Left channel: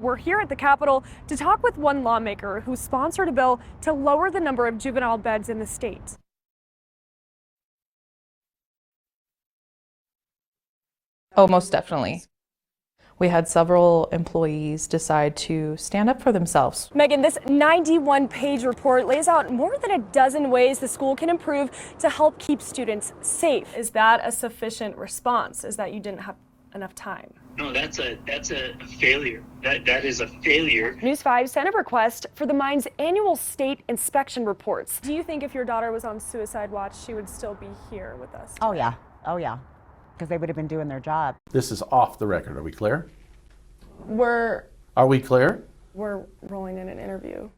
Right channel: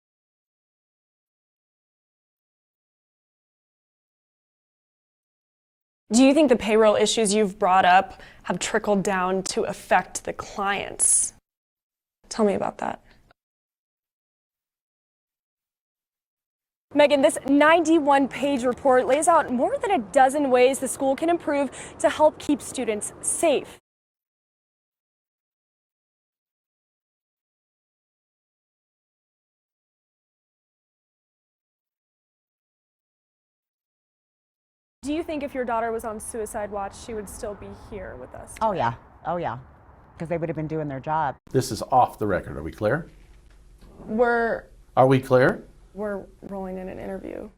We're here at the Capitol to talk with one lawmaker who sponsored a bill to lower the number of juvenile beds in the state. Do you think the payroll issues you've brought up have trickled down to affect the clients? Oh, most definitely. Tell me about that. We had several employees decide to stand up for themselves. Megan, this 91-page report lays out more than a dozen ways the school can improve to help keep students safe. Is that a sufficient response? Is that you didn't have enough time? No, that's a failure. That is a failure. News 5 sent a request for the mine's annual state inspection reports. Do you think if your daughter was on suicide watch, she would still be here with us today? Oh yeah, because they would have been doing their job. This is off the record. Are we clear? Are we clear? We're rolling in an interview.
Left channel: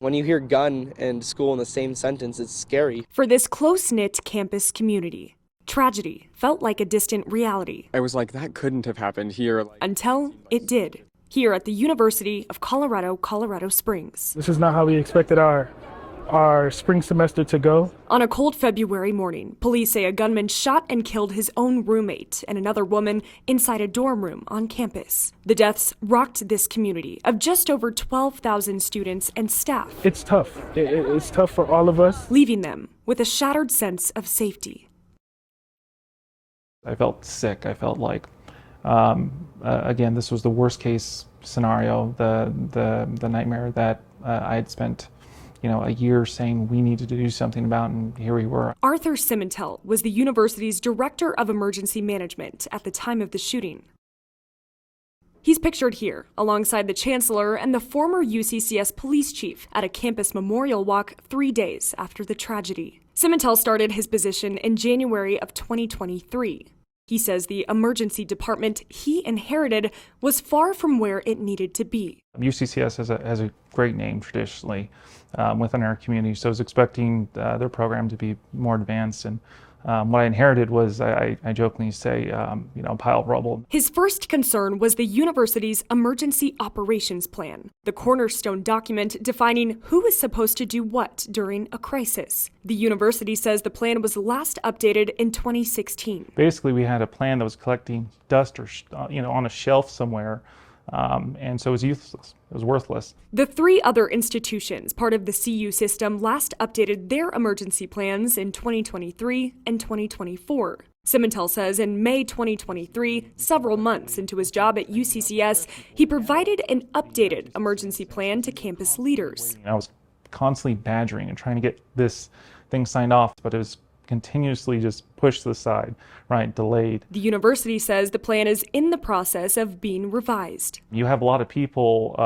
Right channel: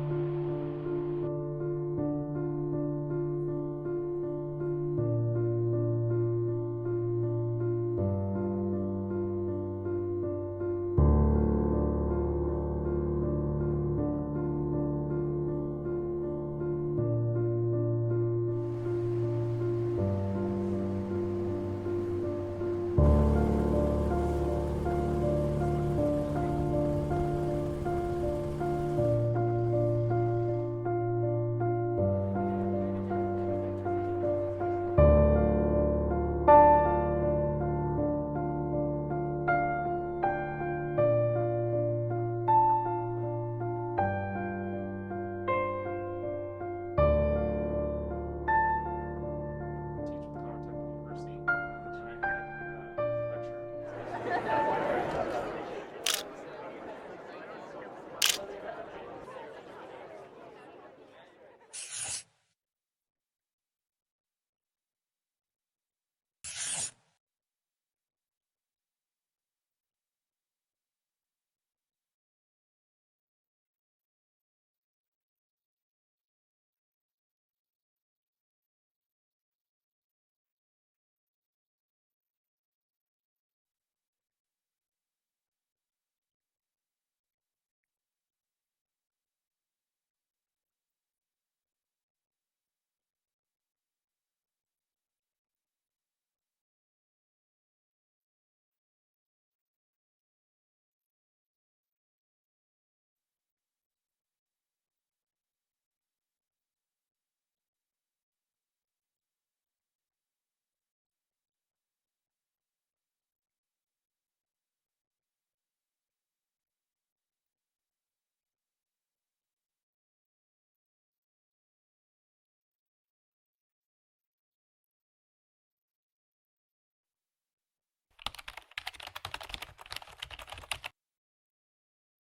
When you hear gun and school in the same sentence, it's scary. For this close-knit campus community, tragedy felt like a distant reality. I was like, that couldn't have happened here. Until it did, here at the University of Colorado, Colorado Springs. This is not how we expected our spring semester to go. On a cold February morning, police say a gunman shot and killed his own roommate and another woman inside a dorm room on campus. The deaths rocked this community of just over 12,000 students and staff. It's tough. It's tough for all of us. Leaving them with a shattered sense of safety. I felt sick. I felt like, again, this was the worst case scenario, the nightmare that I had spent a year saying we needed to do something about, and here we were. Arthur Simentel was the university's director of emergency management at the time of the shooting. He's pictured here alongside the chancellor and the former UCCS police chief at a campus memorial walk 3 days after the tragedy. Simentel started his position in January of 2023. He says the emergency department he inherited was far from where it needed to be. UCCS has a great name traditionally within our community, so I was expecting their program to be more advanced. And what I inherited was, I jokingly say, a pile of rubble. His first concern was the university's emergency operations plan, the cornerstone document defining who is supposed to do what during a crisis. The university says the plan was last updated in 2016. Basically, we had a plan that was collecting dust or on a shelf somewhere, and so it was useless. It was worthless. The 3 other institutions, part of the CU system, last updated their emergency plans in 2023 and 2024. Simentel says in May 2023, several months into his job at UCCS, he provided an updated emergency plan to campus leaders. I was constantly badgering and trying to get this thing signed off, but it was continuously just pushed to the side, right, delayed. The university says the plan is in the process of being revised. You have a lot of people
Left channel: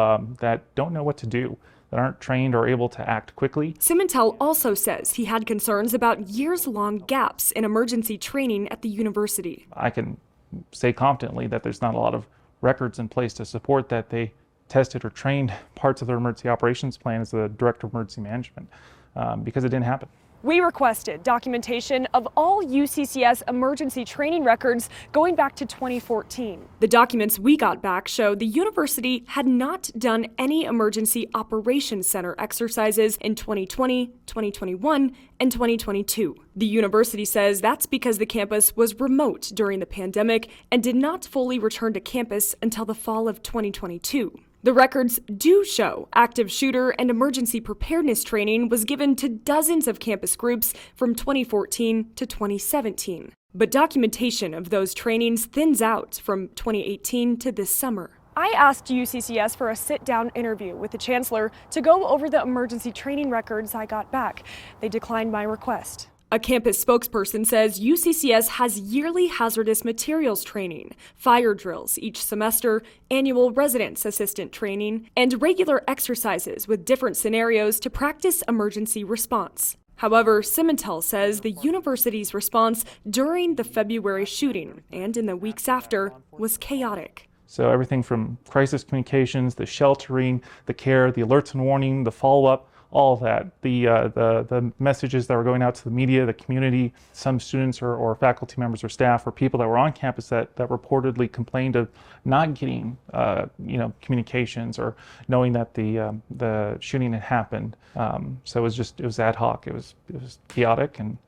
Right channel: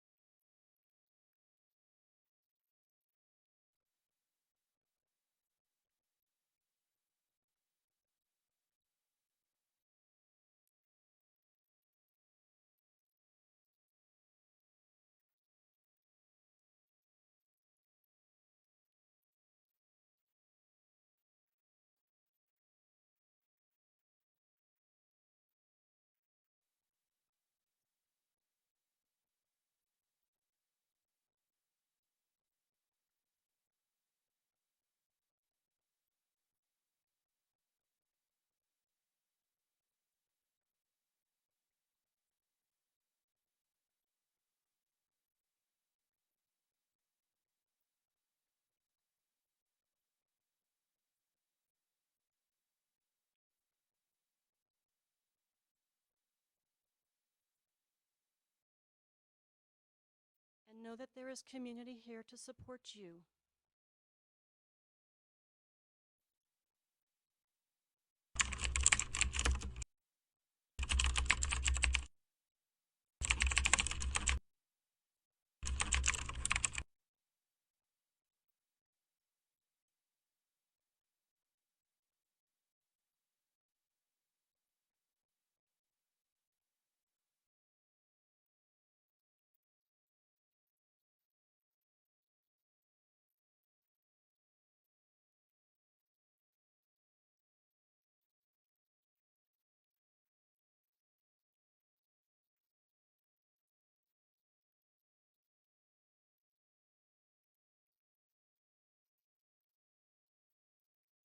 that don't know what to do, that aren't trained or able to act quickly. Simentel also says he had concerns about years-long gaps in emergency training at the university. I can say confidently that there's not a lot of records in place to support that they tested or trained parts of their emergency operations plan as the director of emergency management because it didn't happen. We requested documentation of all UCCS emergency training records going back to 2014. The documents we got back show the university had not done any emergency operations center exercises in 2020, 2021, and 2022. The university says that's because the campus was remote during the pandemic and did not fully return to campus until the fall of 2022. The records do show active shooter and emergency preparedness training was given to dozens of campus groups from 2014 to 2017. But documentation of those trainings thins out from 2018 to this summer. I asked UCCS for a sit-down interview with the chancellor to go over the emergency training records I got back. They declined my request. A campus spokesperson says UCCS has yearly hazardous materials training, fire drills each semester, annual residence assistant training, and regular exercises with different scenarios to practice emergency response. However, Simentel says the university's response during the February shooting and in the weeks after was chaotic. So everything from crisis communications, the sheltering, the care, the alerts and warning, the follow-up, all of that, the messages that were going out to the media, the community, some students or faculty members or staff or people that were on campus that reportedly complained of not getting communications or knowing that the shooting had happened. So it was ad hoc. It was chaotic, and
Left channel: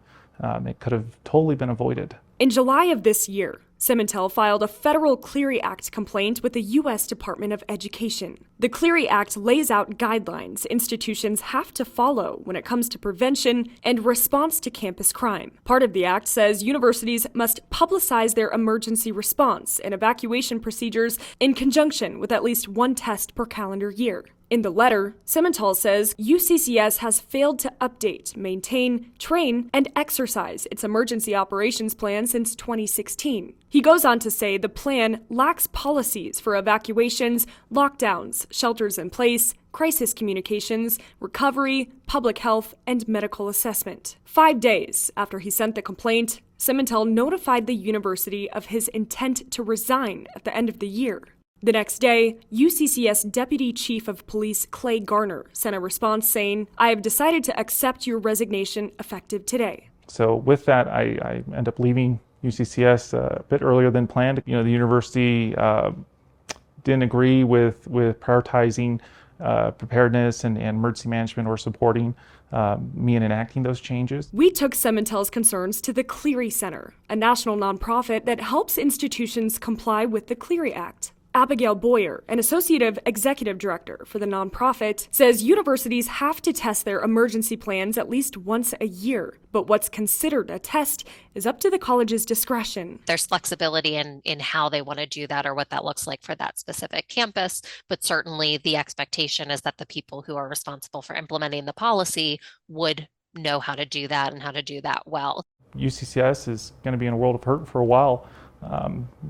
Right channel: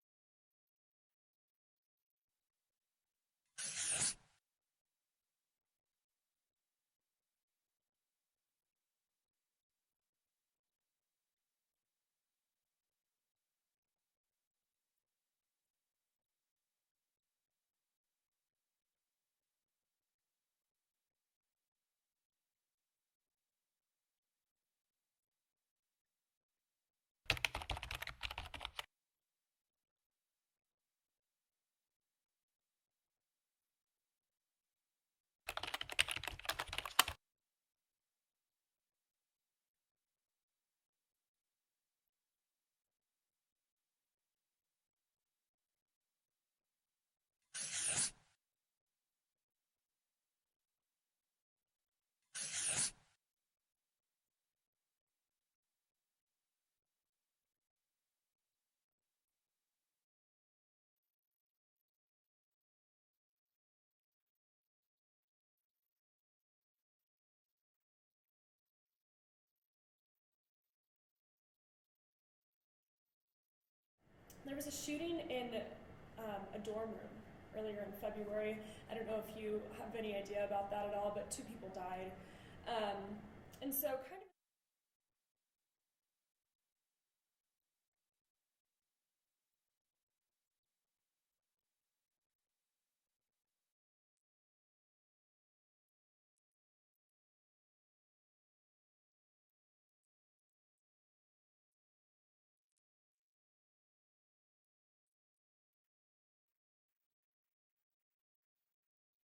it could have totally been avoided. In July of this year, Simmental filed a federal Clery Act complaint with the U.S. Department of Education. The Clery Act lays out guidelines institutions have to follow when it comes to prevention and response to campus crime. Part of the act says universities must publicize their emergency response and evacuation procedures in conjunction with at least one test per calendar year. In the letter, Simmental says UCCS has failed to update, maintain, train, and exercise its emergency operations plan since 2016. He goes on to say the plan lacks policies for evacuations, lockdowns, shelters in place, crisis communications, recovery, public health, and medical assessment. 5 days after he sent the complaint, Simmental notified the university of his intent to resign at the end of the year. The next day, UCCS Deputy Chief of Police Clay Garner sent a response saying, "I have decided to accept your resignation effective today." So with that, I end up leaving UCCS a bit earlier than planned. The university didn't agree with prioritizing preparedness and emergency management or supporting me in enacting those changes. We took Simmental's concerns to the Clery Center, a national nonprofit that helps institutions comply with the Clery Act. Abigail Boyer, an associate executive director for the nonprofit, says universities have to test their emergency plans at least once a year, but what's considered a test is up to the college's discretion. There's flexibility in how they want to do that or what that looks like for that specific campus, but certainly the expectation is that the people who are responsible for implementing the policy would know how to do that and how to do that well. UCCS is going to be in a world of hurt for a while.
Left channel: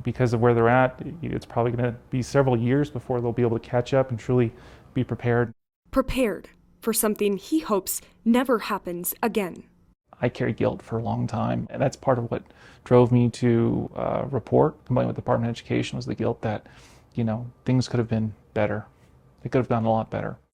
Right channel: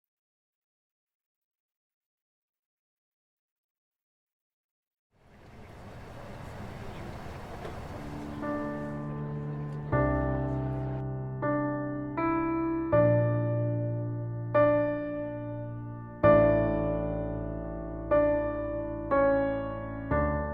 Because of where they're at, it's probably going to be several years before they'll be able to catch up and truly be prepared. Prepared for something he hopes never happens again. I carried guilt for a long time, and that's part of what drove me to report with the Department of Education, was the guilt that, things could have been better. It could have gone a lot better.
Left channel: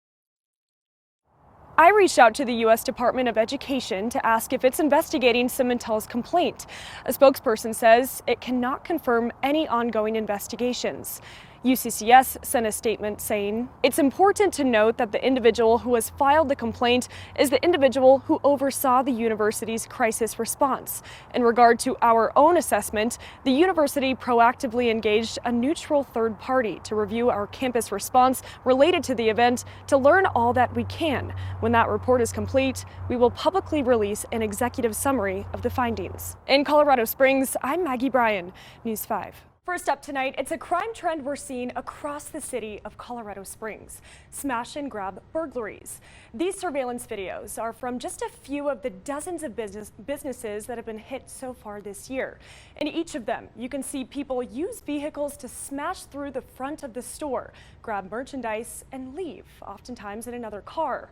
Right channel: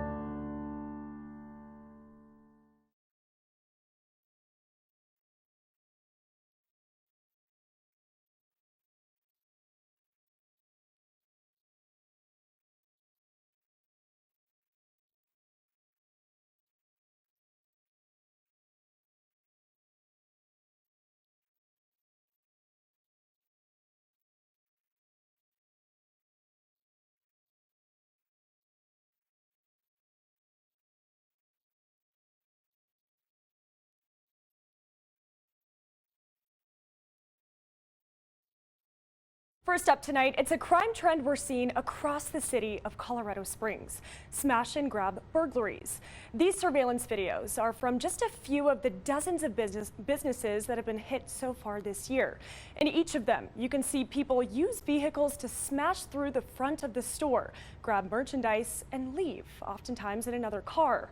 I reached out to the U.S. Department of Education to ask if it's investigating Simmental's complaint. A spokesperson says it cannot confirm any ongoing investigations. UCCS sent a statement saying, "It's important to note that the individual who has filed the complaint is the individual who oversaw the university's crisis response. In regard to our own assessment, the university proactively engaged a neutral third party to review our campus response related to the event to learn all that we can. When that report is complete, we will publicly release an executive summary of the findings." In Colorado Springs, I'm Maggie Bryan, News 5. First up tonight, it's a crime trend we're seeing across the city of Colorado Springs: smash and grab burglaries. These surveillance videos are from just a few of the dozens of businesses that have been hit so far this year. In each of them, you can see people use vehicles to smash through the front of the store, grab merchandise, and leave, oftentimes in another car.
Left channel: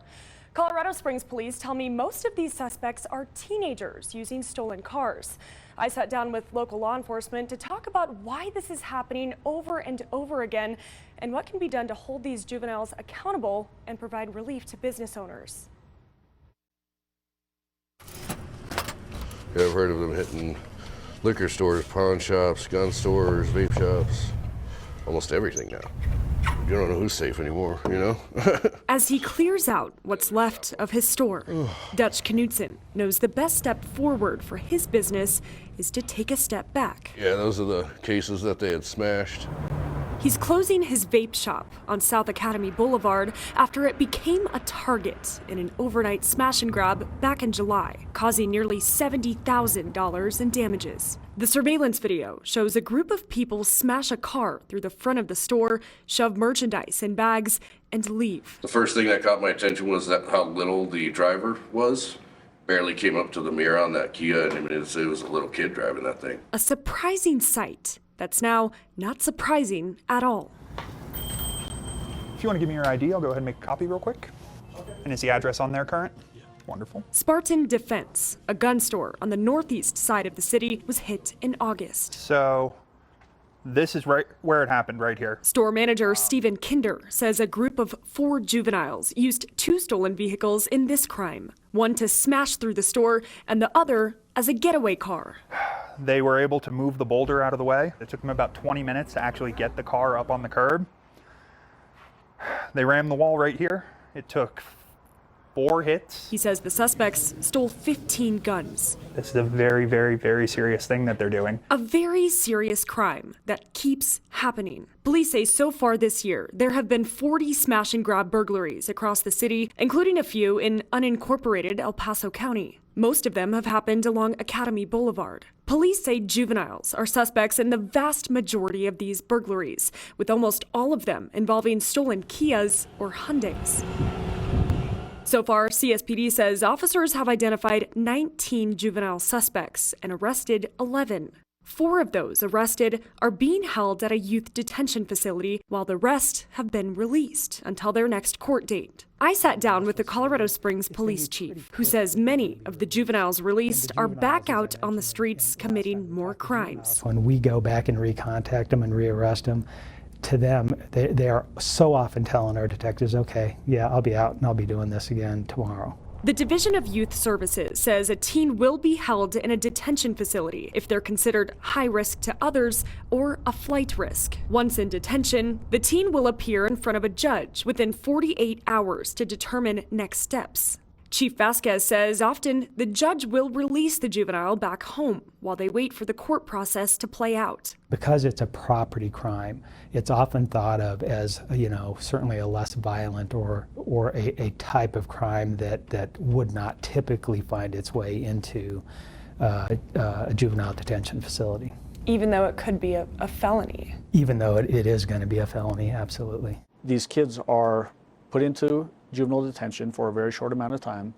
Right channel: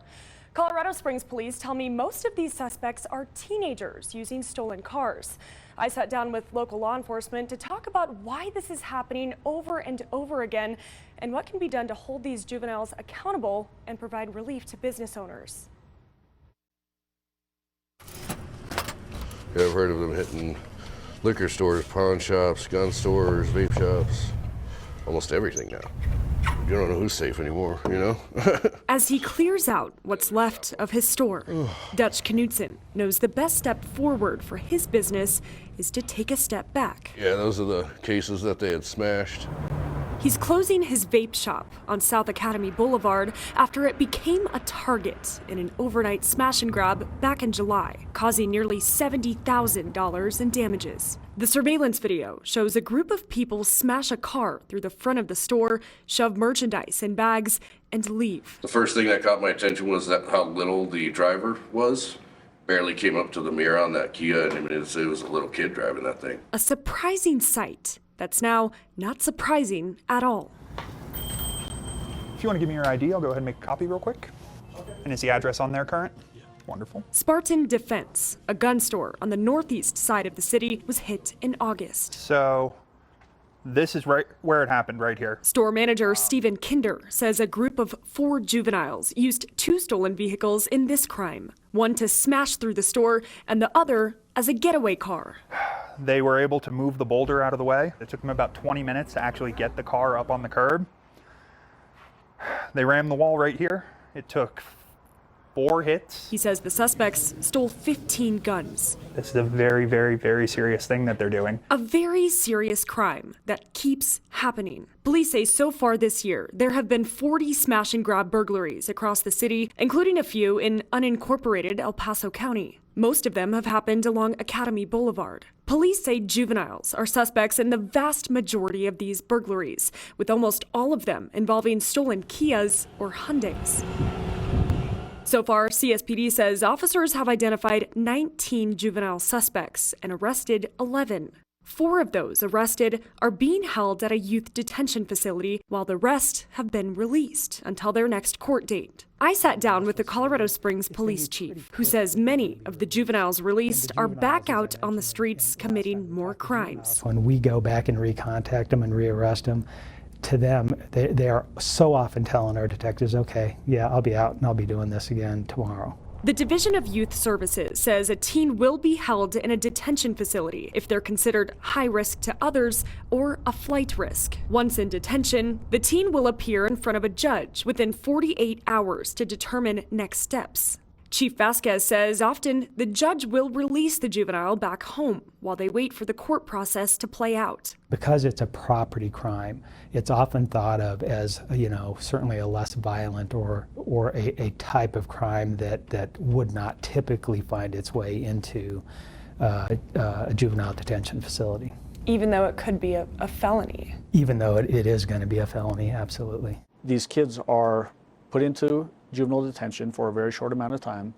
Colorado Springs police tell me most of these suspects are teenagers using stolen cars. I sat down with local law enforcement to talk about why this is happening over and over again and what can be done to hold these juveniles accountable and provide relief to business owners. Yeah, I've heard of them hitting liquor stores, pawn shops, gun stores, vape shops, almost everything now. You don't know who's safe anymore, As he clears out what's left of his store, Dutch Knudsen knows the best step forward for his business is to take a step back. Yeah, those are the cases that they had smashed. He's closing his vape shop on South Academy Boulevard after it became a target in an overnight smash and grab back in July, causing nearly $70,000 in damages. The surveillance video shows a group of people smash a car through the front of the store, shove merchandise in bags, and leave. The first thing that caught my attention was how little the driver was. Barely came up to the mirror on that Kia, and it was a little kid driving that thing. A surprising sight that's now not surprising at all. If you want to give me your ID, I'll go ahead and make a copy real quick. And is the address on there current? Wonderful. Spartan Defense, a gun store on the northeast side of the city, was hit in August. So this is right where it happened, right here. Store manager Stephen Kinder says a group of 4 juveniles used 2 stolen vehicles in this crime, one to smash through the store and the other as a getaway car. They were able to move the boulder out of the way. It took them about 20 minutes to actually get the car up on the curb. They rammed the wall right here. It took 4 hits. He says the suspects stole 15 guns. This is a very, very, very serious thing that they're doing. A very serious crime that keeps happening. Police say so far this year, there have been 40 smash and grab burglaries across the city, including a few in unincorporated El Paso County. Most of them have happened along Academy Boulevard. Police say juveniles are suspects in the vast majority of these burglaries, with almost all of them involving stolen Kias or Hyundais. So far, CSPD says officers have identified 19 juvenile suspects and arrested 11. 4 of those arrested are being held at a youth detention facility, while the rest have been released until their next court date. I sat down with the Colorado Springs police chief, who says many of the juveniles released are back out on the streets committing more crimes. When we go back and recontact them and rearrest them, to them, they are so often telling our detectives, okay, yeah, I'll be out and I'll be doing this again tomorrow. The Division of Youth Services says a teen will be held in a detention facility if they're considered high risk to others or a flight risk. Once in detention, the teen will appear in front of a judge within 48 hours to determine next steps. Chief Vasquez says often the judge will release the juvenile back home while they wait for the court process to play out. Because it's a property crime, it's often thought of as, certainly a less violent or a type of crime that would not typically find its way into a juvenile detention facility. Even though it could be a felony. Even though it is going to be a felony, absolutely. These kids are put into juvenile detention for a very short amount of time,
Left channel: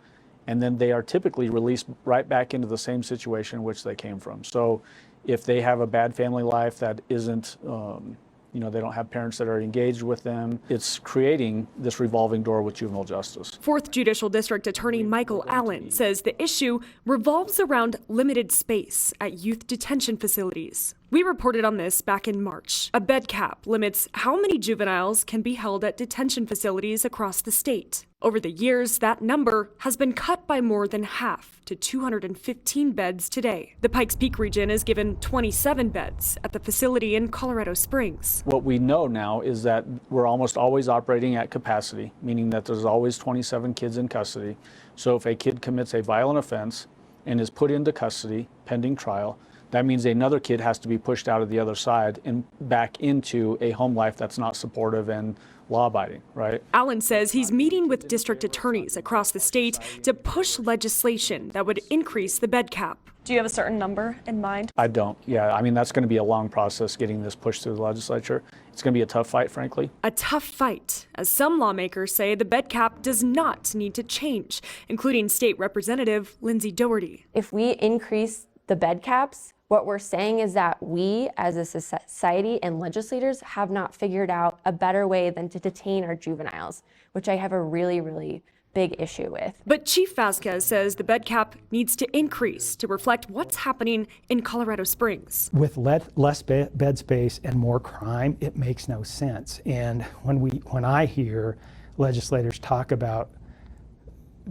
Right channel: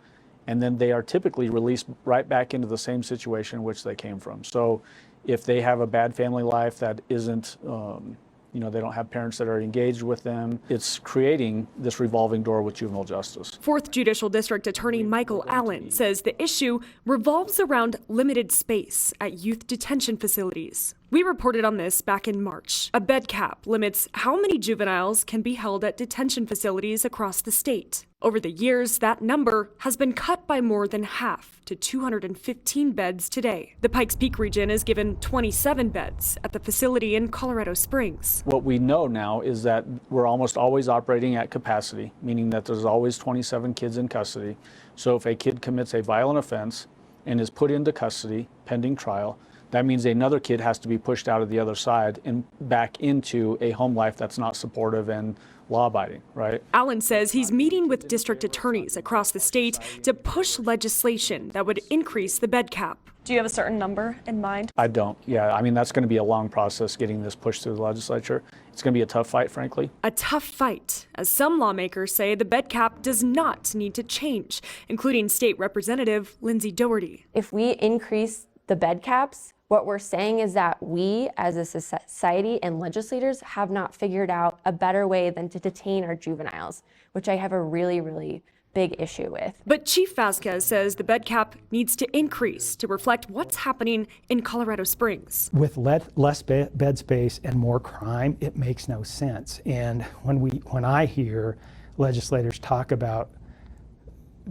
and then they are typically released right back into the same situation in which they came from. So if they have a bad family life that isn't, they don't have parents that are engaged with them, it's creating this revolving door with juvenile justice. 4th Judicial District Attorney Michael Allen says the issue revolves around limited space at youth detention facilities. We reported on this back in March. A bed cap limits how many juveniles can be held at detention facilities across the state. Over the years, that number has been cut by more than half to 215 beds today. The Pikes Peak region is given 27 beds at the facility in Colorado Springs. What we know now is that we're almost always operating at capacity, meaning that there's always 27 kids in custody. So if a kid commits a violent offense and is put into custody pending trial, that means another kid has to be pushed out of the other side and back into a home life that's not supportive and law-abiding, right? Allen says he's meeting with district attorneys across the state to push legislation that would increase the bed cap. Do you have a certain number in mind? I don't. Yeah, that's going to be a long process getting this pushed through the legislature. It's going to be a tough fight, frankly. A tough fight, as some lawmakers say the bed cap does not need to change, including State Representative Lindsay Doherty. If we increase the bed caps, what we're saying is that we as a society and legislators have not figured out a better way than to detain our juveniles, which I have a really, really big issue with. But Chief Vasquez says the bed cap needs to increase to reflect what's happening in Colorado Springs. With less bed space and more crime, it makes no sense. And when I hear legislators talk about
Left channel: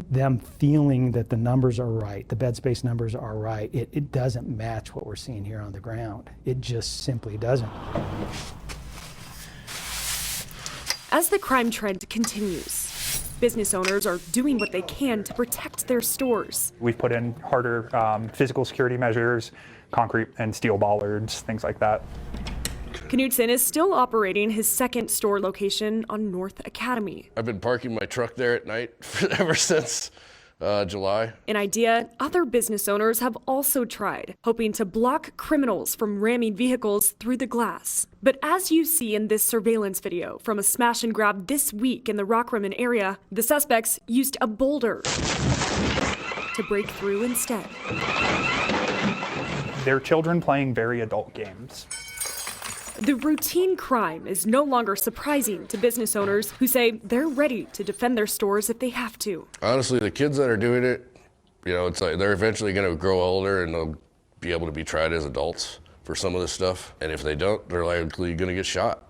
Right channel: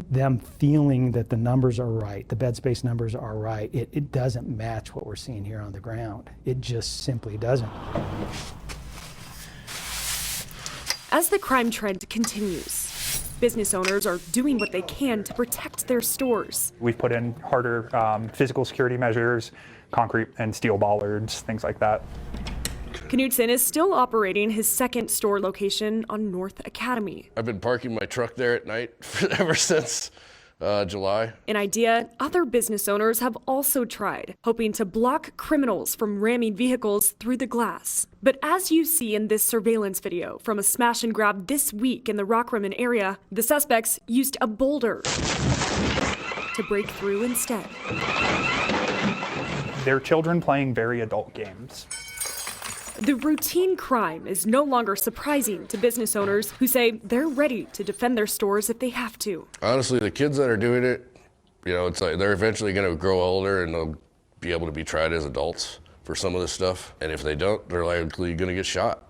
them feeling that the numbers are right, the bed space numbers are right, it doesn't match what we're seeing here on the ground. It just simply doesn't. As the crime trend continues, business owners are doing what they can to protect their stores. We've put in harder physical security measures, concrete and steel bollards, things like that. Knudsen is still operating his second store location on North Academy. I've been parking my truck there at night ever since July. An idea other business owners have also tried, hoping to block criminals from ramming vehicles through the glass. But as you see in this surveillance video from a smash and grab this week in the Rockrimmon area, the suspects used a boulder to break through instead. They're children playing very adult games. The routine crime is no longer surprising to business owners who say they're ready to defend their stores if they have to. Honestly, the kids that are doing it, it's like they're eventually going to grow older and they'll be able to be tried as adults for some of this stuff. And if they don't, they're likely going to get shot.